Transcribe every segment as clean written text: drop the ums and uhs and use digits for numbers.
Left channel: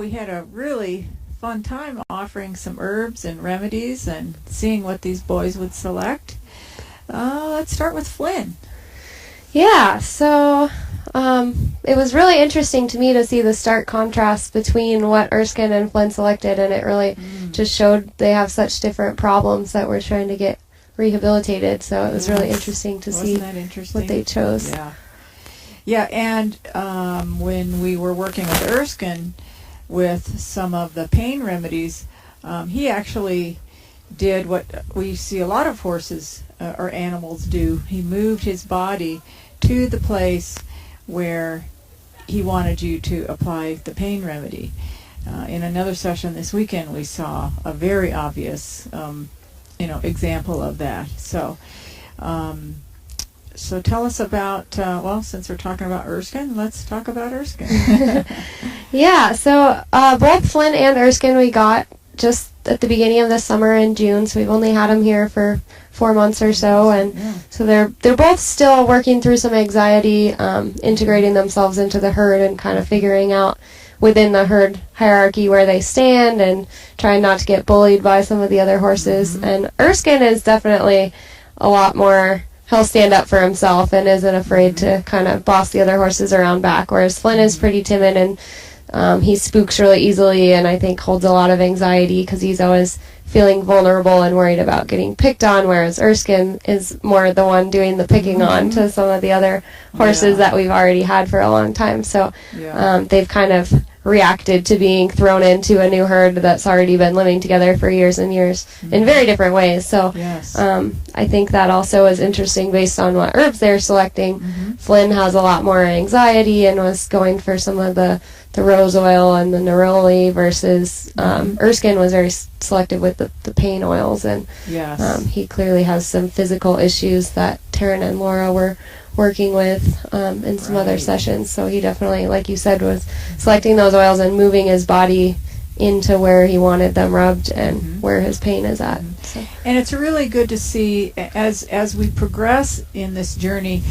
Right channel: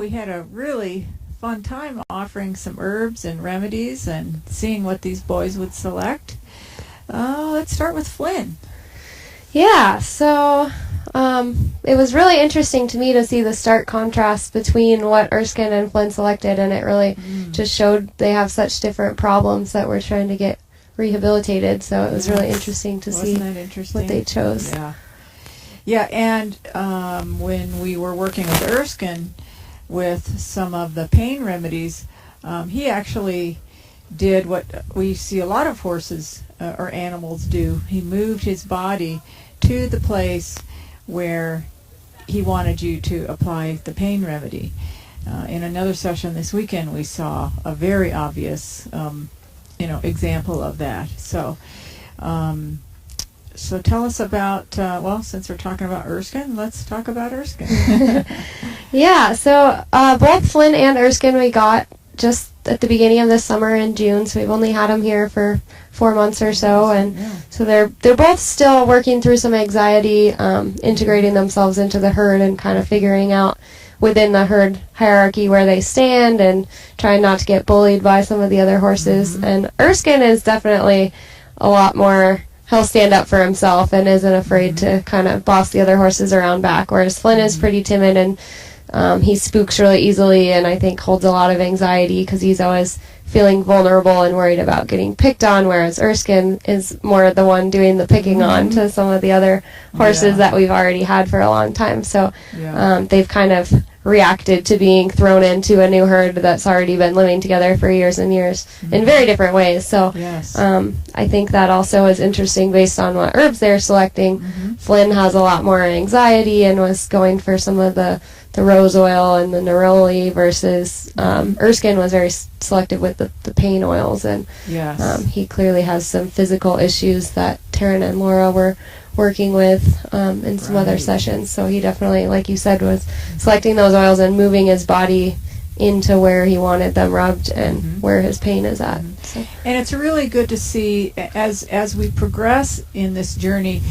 We had a really fun time offering some herbs and remedies and seeing what these boys would select. Let's start with Flynn. Yeah, so it was really interesting to me to see the stark contrast between what Erskine and Flynn selected, and it really just showed they have such different problems that we're trying to get rehabilitated. So it was really interesting to see what they chose. Yeah, and when we were working with Erskine with some of the pain remedies, he actually did what we see a lot of horses or animals do. He moved his body to the place where he wanted you to apply the pain remedy. In another session this weekend, we saw a very obvious, example of that. So tell us about, since we're talking about Erskine, let's talk about Erskine. Yeah, so both Flynn and Erskine we got just at the beginning of the summer in June, so we've only had them here for 4 months or so, and so they're both still working through some anxiety, integrating themselves into the herd and kind of figuring out within the herd hierarchy where they stand and trying not to get bullied by some of the other horses. And Erskine is definitely a lot more, he'll stand up for himself and isn't afraid to kind of boss the other horses around back, whereas Flynn is pretty timid and he spooks really easily, and I think holds a lot of anxiety because he's always feeling vulnerable and worried about getting picked on, whereas Erskine is more the one doing the picking on to some of the other horses that we've already had for a long time. So they've kind of reacted to being thrown into a new herd that's already been living together for years and years in very different ways. So I think that also is interesting based on what herbs they're selecting. Flynn has a lot more anxiety and was going for some of the rose oil and the neroli versus Erskine was very selective with the pain oils, and he clearly has some physical issues that Taryn and Laura were working with in some other sessions. So he definitely, like you said, was selecting those oils and moving his body into where he wanted them rubbed and where his pain is at. So. And it's really good to see as we progress in this journey,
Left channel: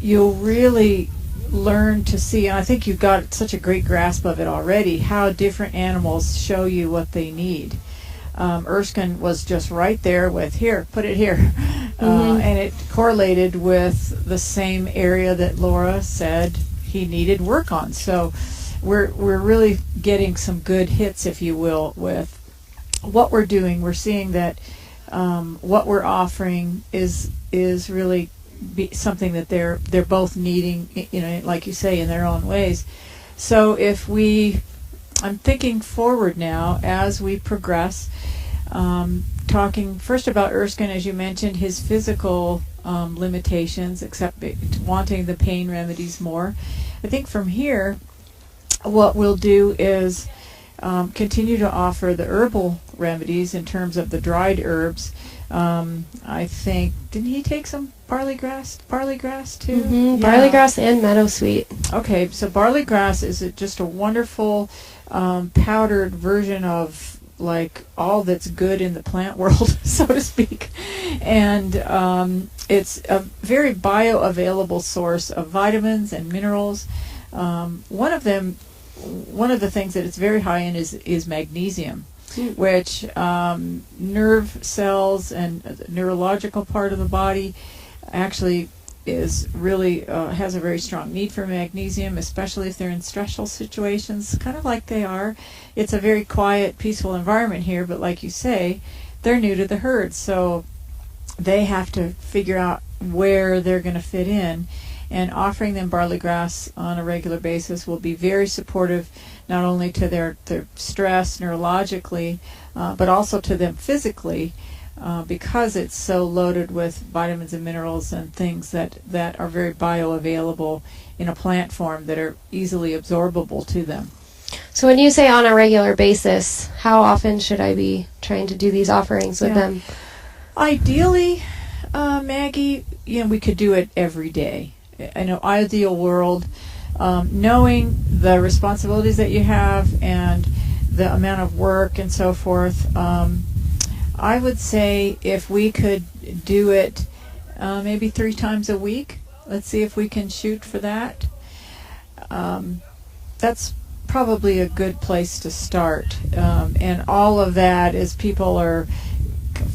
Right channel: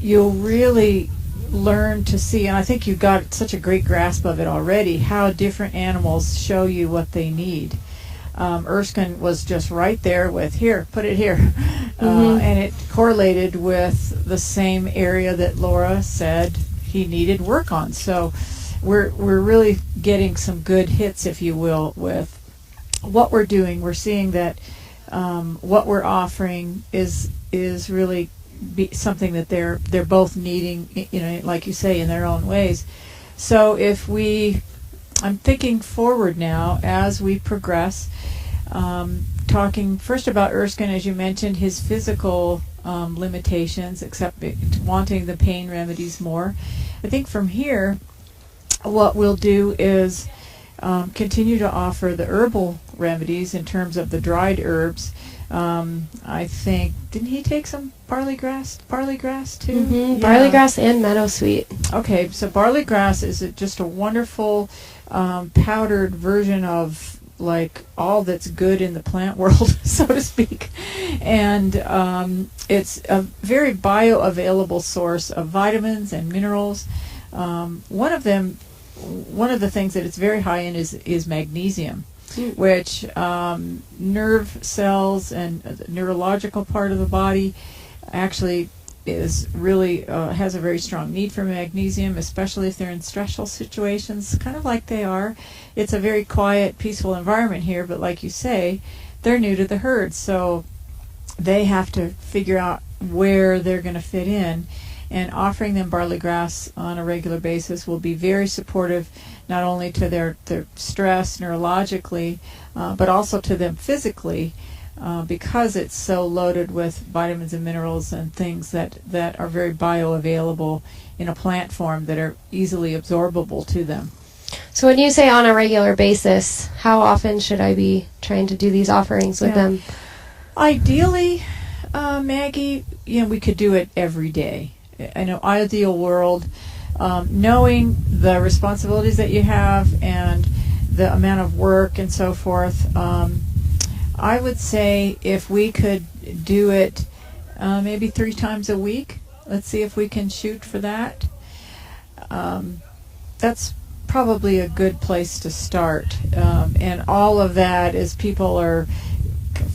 you'll really learn to see, and I think you've got such a great grasp of it already, how different animals show you what they need. Erskine was just right there with, here, put it here. And it correlated with the same area that Laura said he needed work on. So we're really getting some good hits, if you will, with what we're doing. We're seeing that what we're offering is really something that they're both needing, like you say, in their own ways. So I'm thinking forward now as we progress, talking first about Erskine, as you mentioned, his physical limitations, except wanting the pain remedies more. I think from here, what we'll do is continue to offer the herbal remedies in terms of the dried herbs. I think, didn't he take some barley grass too? Barley grass and meadowsweet. Okay, so barley grass is just a wonderful powdered version of like all that's good in the plant world, so to speak. And it's a very bioavailable source of vitamins and minerals. One of the things that it's very high in is magnesium, which nerve cells and the neurological part of the body actually is really has a very strong need for magnesium, especially if they're in stressful situations, kind of like they are. It's a very quiet, peaceful environment here, but like you say, they're new to the herd, so they have to figure out where they're going to fit in, and offering them barley grass on a regular basis will be very supportive, not only to their stress neurologically, but also to them physically, because it's so loaded with vitamins and minerals and things that are very bioavailable in a plant form that are easily absorbable to them. So when you say on a regular basis, how often should I be trying to do these offerings with them? Ideally, Maggie, we could do it every day. In an ideal world, knowing the responsibilities that you have and the amount of work and so forth, I would say if we could do it maybe 3 times a week, let's see if we can shoot for that. That's probably a good place to start. And all of that, as people are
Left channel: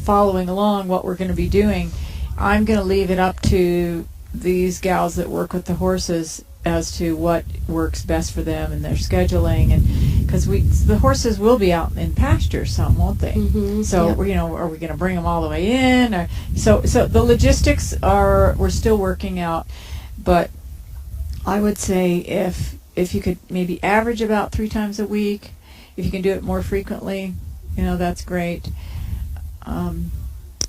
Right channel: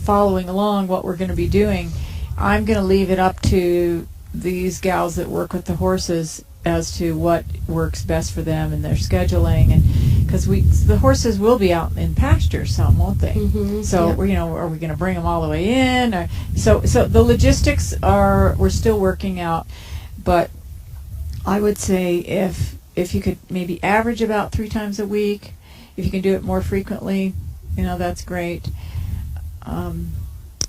following along what we're going to be doing, I'm going to leave it up to these gals that work with the horses as to what works best for them and their scheduling, and because the horses will be out in pasture some, won't they? Mm-hmm. So are we going to bring them all the way in? So the logistics we're still working out, but I would say if you could maybe average about 3 times a week, if you can do it more frequently, that's great.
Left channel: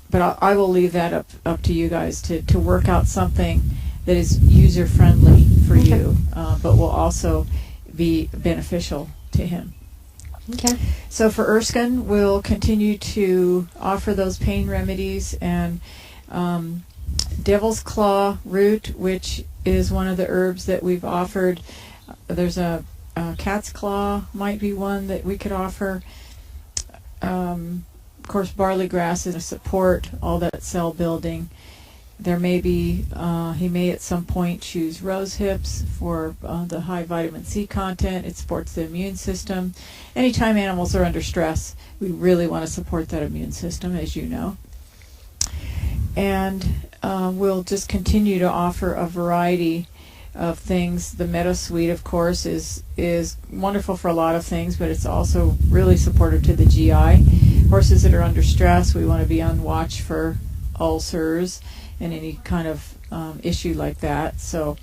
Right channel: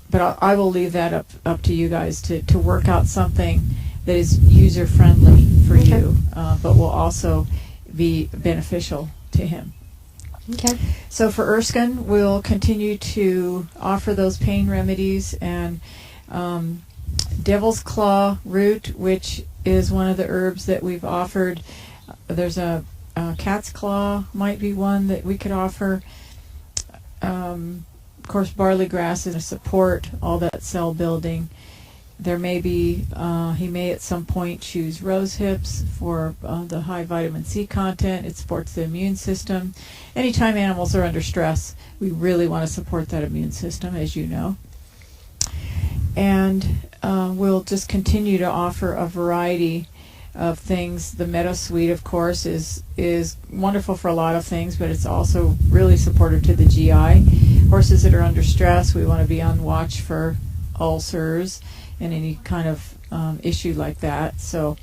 But I will leave that up to you guys to work out something that is user-friendly for you, but will also be beneficial to him. Okay. So for Erskine, we'll continue to offer those pain remedies, and devil's claw root, which is one of the herbs that we've offered. There's a cat's claw might be one that we could offer. Of course, barley grass is a support, all that cell building. There may be, he may at some point choose rose hips for the high vitamin C content. It supports the immune system. Anytime animals are under stress, we really want to support that immune system, as you know. And we'll just continue to offer a variety of things. The Meadow Sweet, of course, is wonderful for a lot of things, but it's also really supportive to the GI. Horses that are under stress, we want to be on watch for ulcers and any kind of issue like that. So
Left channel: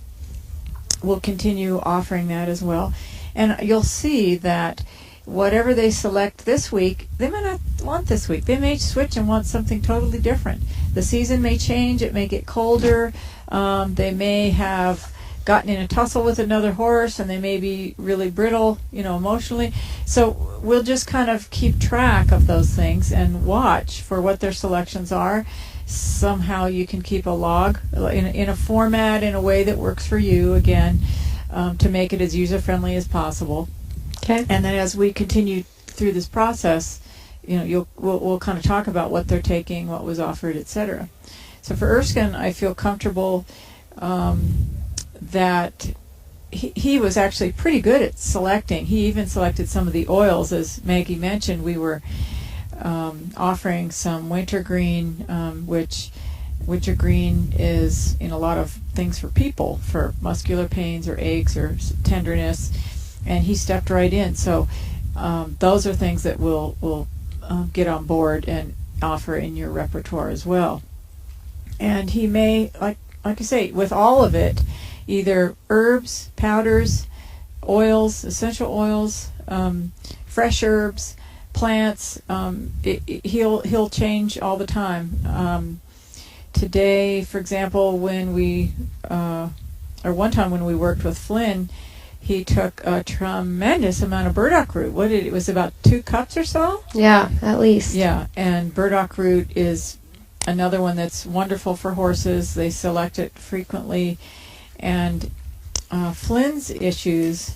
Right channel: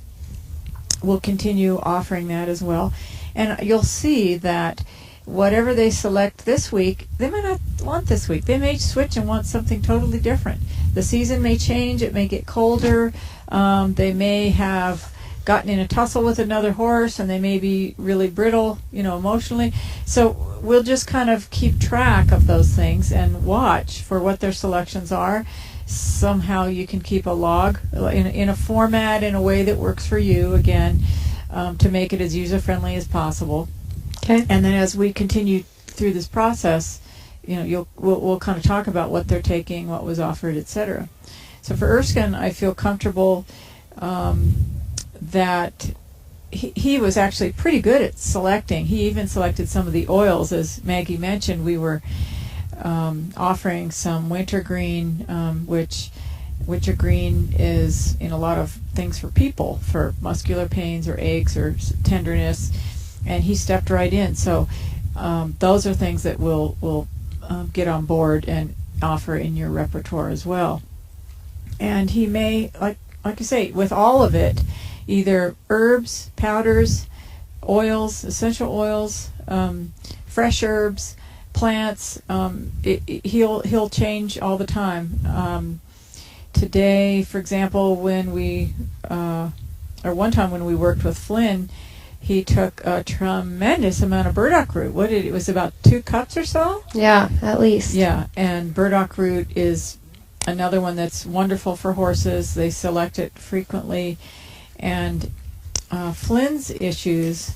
we'll continue offering that as well. And you'll see that whatever they select this week, they might not want this week. They may switch and want something totally different. The season may change. It may get colder. They may have gotten in a tussle with another horse, and they may be really brittle, emotionally. So we'll just kind of keep track of those things and watch for what their selections are. Somehow you can keep a log in a format, in a way that works for you, again, to make it as user-friendly as possible. Okay. And then as we continue through this process, we'll kind of talk about what they're taking, what was offered, etc. So for Erskine, I feel comfortable that he was actually pretty good at selecting. He even selected some of the oils. As Maggie mentioned, we were offering some wintergreen, which wintergreen is in a lot of things for people, for muscular pains or aches or tenderness, and he stepped right in. So those are things that we'll get on board and offer in your repertoire as well. And he may, like I say, with all of it, either herbs, powders, oils, essential oils, fresh herbs, plants. He'll change all the time. Today, for example, when one time when we worked with Flynn, he took a tremendous amount of burdock root. It was about 2 cups or so? Yeah, at least. Yeah, and burdock root is another one that's wonderful for horses. They select it frequently. And Flynn's issues,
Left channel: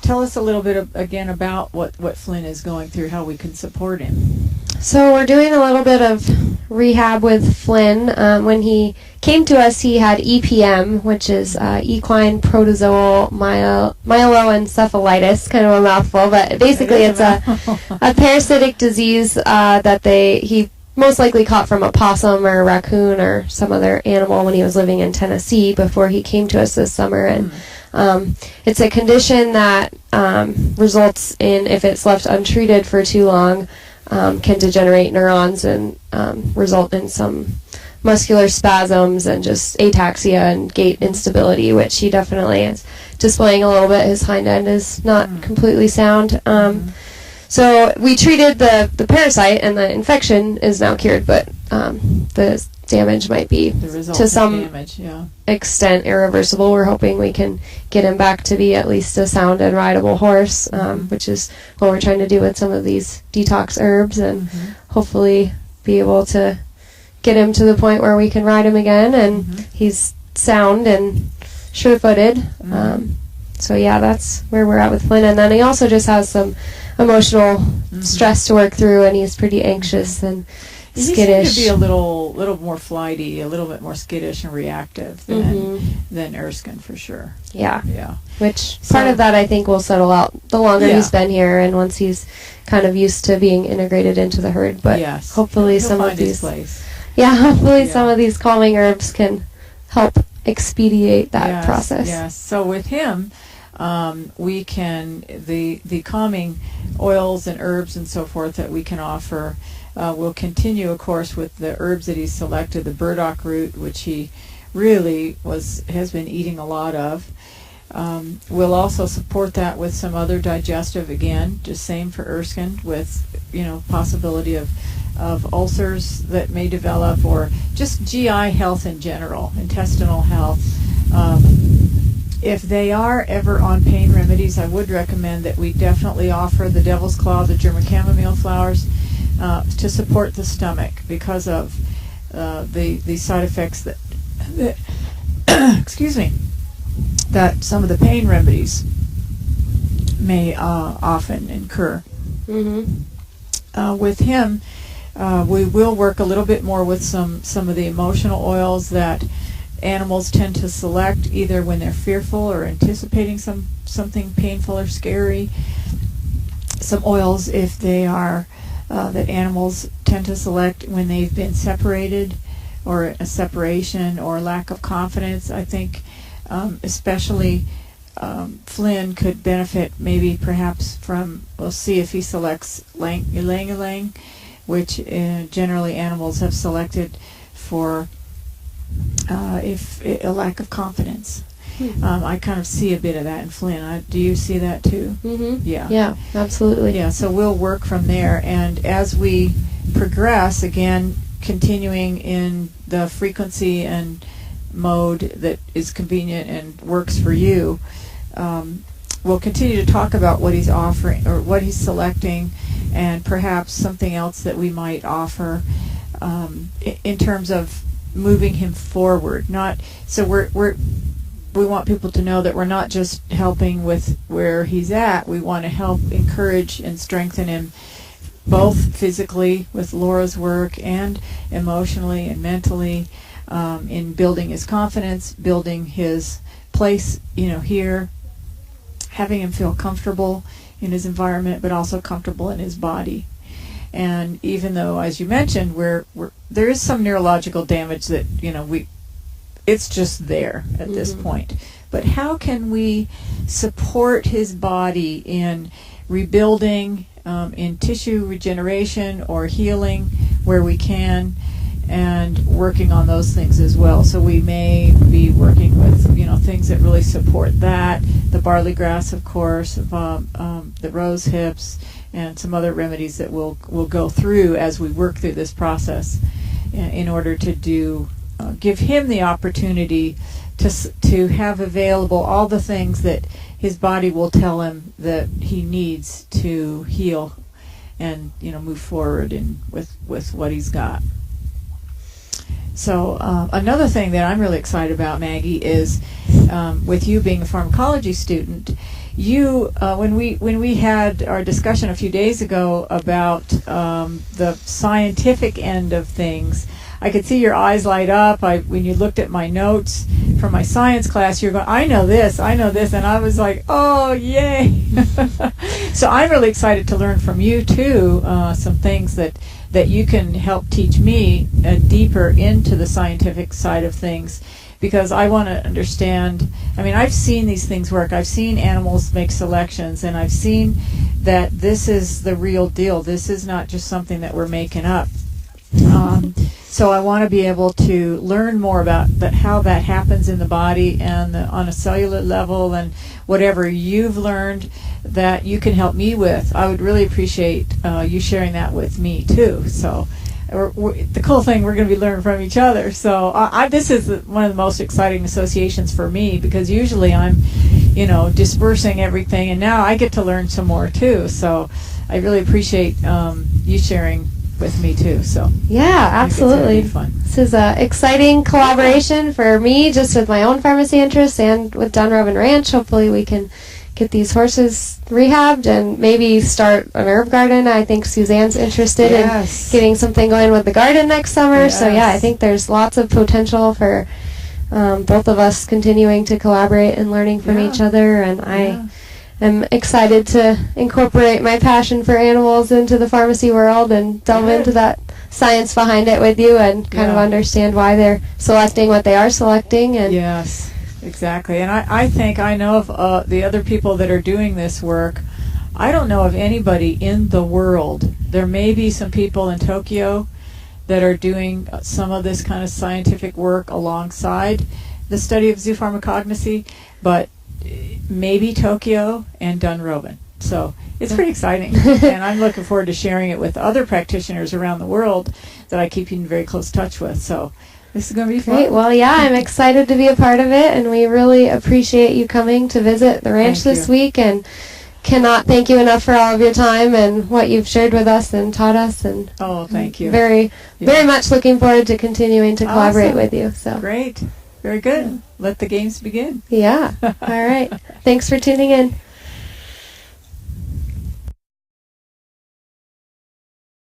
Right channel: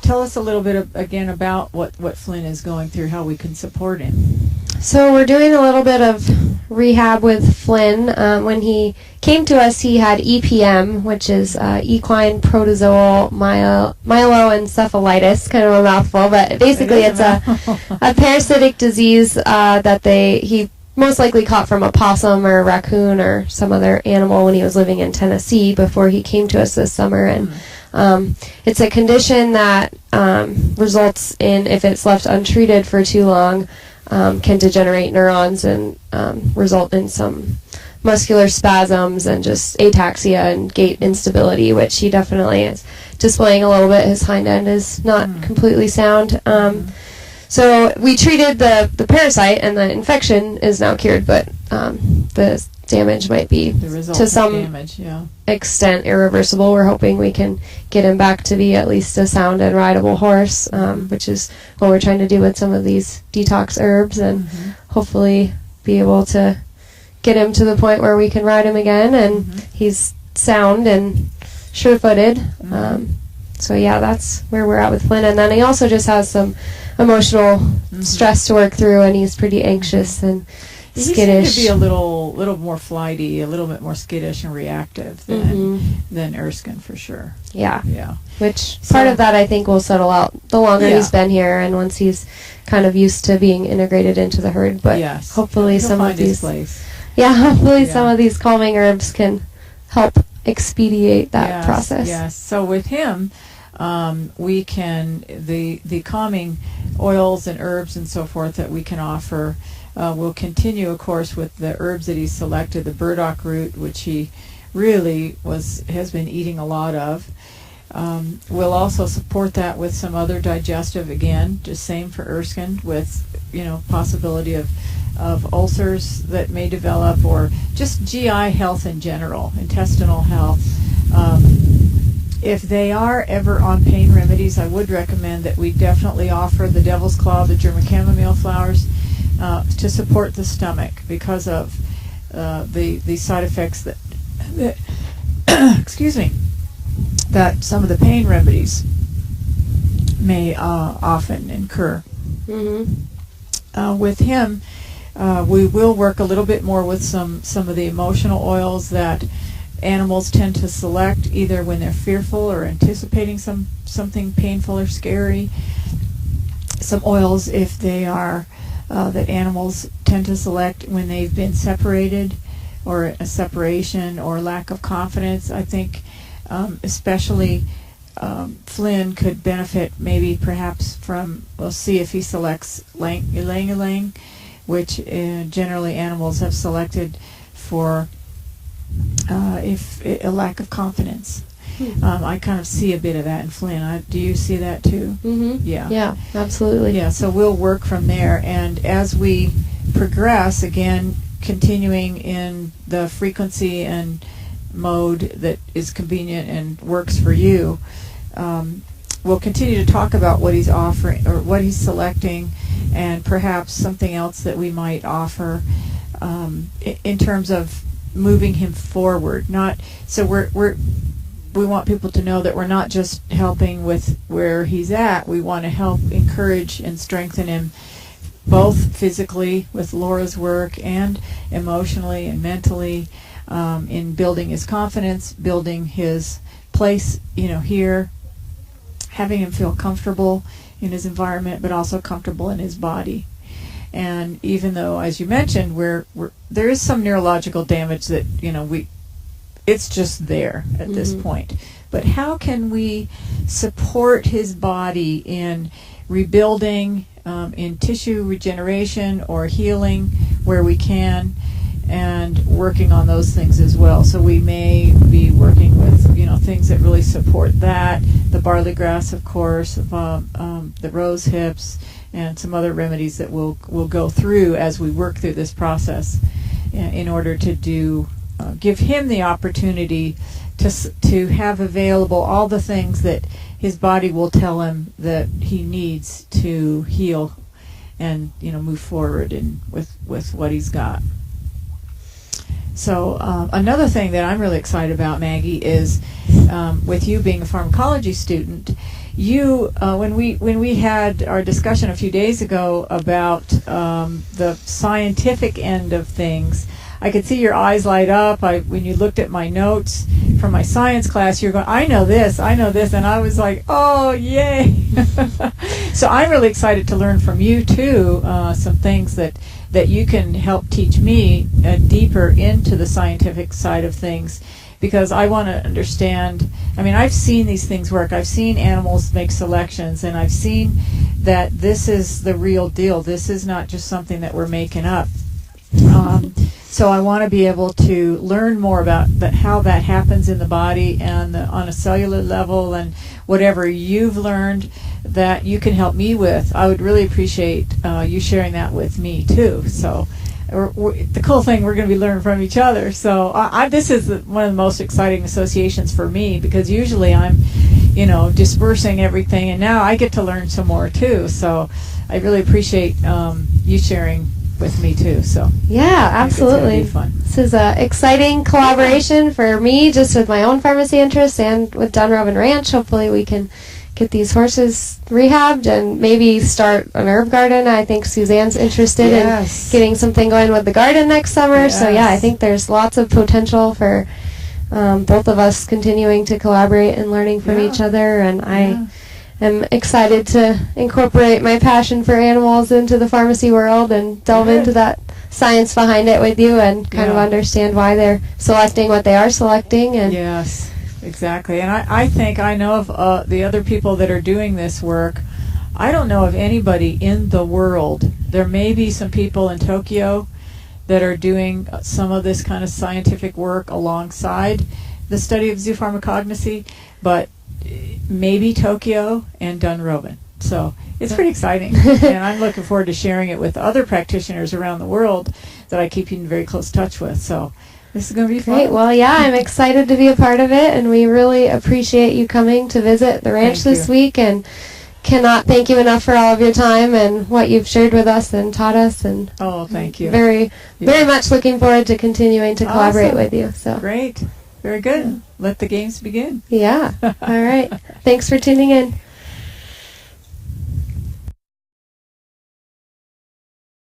tell us a little bit again about what Flynn is going through, how we can support him. So we're doing a little bit of rehab with Flynn. When he came to us, he had EPM, which is equine protozoal myeloencephalitis, kind of a mouthful, but basically it's a parasitic disease that he most likely caught from a possum or a raccoon or some other animal when he was living in Tennessee before he came to us this summer. And it's a condition that results in, if it's left untreated for too long, can degenerate neurons and result in some muscular spasms and just ataxia and gait instability, which he definitely is displaying a little bit. His hind end is not completely sound. So we treated the parasite, and the infection is now cured, but the damage might be to some extent irreversible. We're hoping we can get him back to be at least a sound and rideable horse, which is what we're trying to do with some of these detox herbs, and hopefully be able to get him to the point where we can ride him again, and he's sound and sure-footed. So yeah, that's where we're at with Flynn. And then he also just has some emotional stress to work through, and he's pretty anxious, and skittish. He seemed to be a little more flighty, a little bit more skittish and reactive than Erskine, for sure. Yeah. Yeah. Which part of that I think will settle out the longer he's been here and once he's kind of used to being integrated into the herd. But hopefully He'll some find of these his place. some of these calming herbs can help expedite that process. Yes. So with him, we can the calming oils and herbs and so forth that we can offer. We'll continue, of course, with the herbs that he's selected, the burdock root, which he really has been eating a lot of. We'll also support that with some other digestive, again, just same for Erskine, with possibility of ulcers that may develop, or just GI health in general, intestinal health. If they are ever on pain remedies, I would recommend that we definitely offer the devil's claw, the German chamomile flowers, to support the stomach because of the side effects that excuse me, that some of the pain remedies may often incur. With him, we will work a little bit more with some of the emotional oils that animals tend to select, either when they're fearful or anticipating something painful or scary. Some oils, if they are that animals tend to select when they've been separated, or a separation or lack of confidence. I think especially Flynn could benefit maybe perhaps from, we'll see if he selects ylang-ylang, which generally animals have selected for if a lack of confidence. I kind of see a bit of that in Flynn. Do you see that too? Yeah, absolutely. Yeah, so we'll work from there, and as we progress, again, continuing in the frequency and mode that is convenient and works for you, we'll continue to talk about what he's offering or what he's selecting, and perhaps something else that we might offer in terms of moving him forward. We want people to know that we're not just helping with where he's at. We want to help encourage and strengthen him both physically with Laura's work and emotionally and mentally, in building his confidence, building his place, here, having him feel comfortable in his environment, but also comfortable in his body. And even though, as you mentioned, there is some neurological damage that it's just there at this point. But how can we support his body in rebuilding, in tissue regeneration or healing where we can, and working on those things as well? So we may be working with things that really support that, the barley grass, of course, the rose hips, and some other remedies that we'll go through as we work through this process in order to give him the opportunity to have available all the things that his body will tell him that he needs to heal and move forward with what he's got. So another thing that I'm really excited about, Maggie, is with you being a pharmacology student, you when we had our discussion a few days ago about the scientific end of things, I could see your eyes light up. When you looked at my notes from my science class, you're going, I know this, and I was like, oh, yay. So I'm really excited to learn from you, too, some things that you can help teach me deeper into the scientific side of things, because I want to understand. I mean, I've seen these things work. I've seen animals make selections, and I've seen that this is the real deal. This is not just something that we're making up. So I want to be able to learn more about how that happens in the body and on a cellular level, and whatever you've learned that you can help me with. I would really appreciate you sharing that with me too. So the cool thing, we're going to be learning from each other. So this is one of the most exciting associations for me, because usually I'm dispersing everything, and now I get to learn some more too. So I really appreciate you sharing with me too. So yeah, absolutely. It's fun. This is an exciting collaboration for me, just with my own pharmacy interests and with Dunrobin Ranch. Hopefully we can get these horses rehabbed and maybe start an herb garden. I think Suzanne's interested in getting something going with the garden next summer. So yeah, I think there's lots of potential for both of us continuing to collaborate and learning from each other. And I am excited to incorporate my passion for animals into the pharmacy world and delve into that science behind it with you and kind of understand why they're selecting what they are selecting. And yes, exactly. And I think I know of the other people that are doing this work. I don't know of anybody in the world. There may be some people in Tokyo that are doing some of this kind of scientific work alongside the study of zoopharmacognosy, but maybe Tokyo and Dunrobin. So it's pretty exciting, and I'm looking forward to sharing it with other practitioners around the world that I keep in very close touch with. So this is going to be fun. Great. Well, yeah, I'm excited to be a part of it, and we really appreciate you coming to visit the ranch this week, and cannot thank you enough for all of your time and what you've shared with us and taught us. And thank you. Very much looking forward to continuing to collaborate with you. So great. Very good. Let the games begin. Yeah. All right. Thanks for tuning in.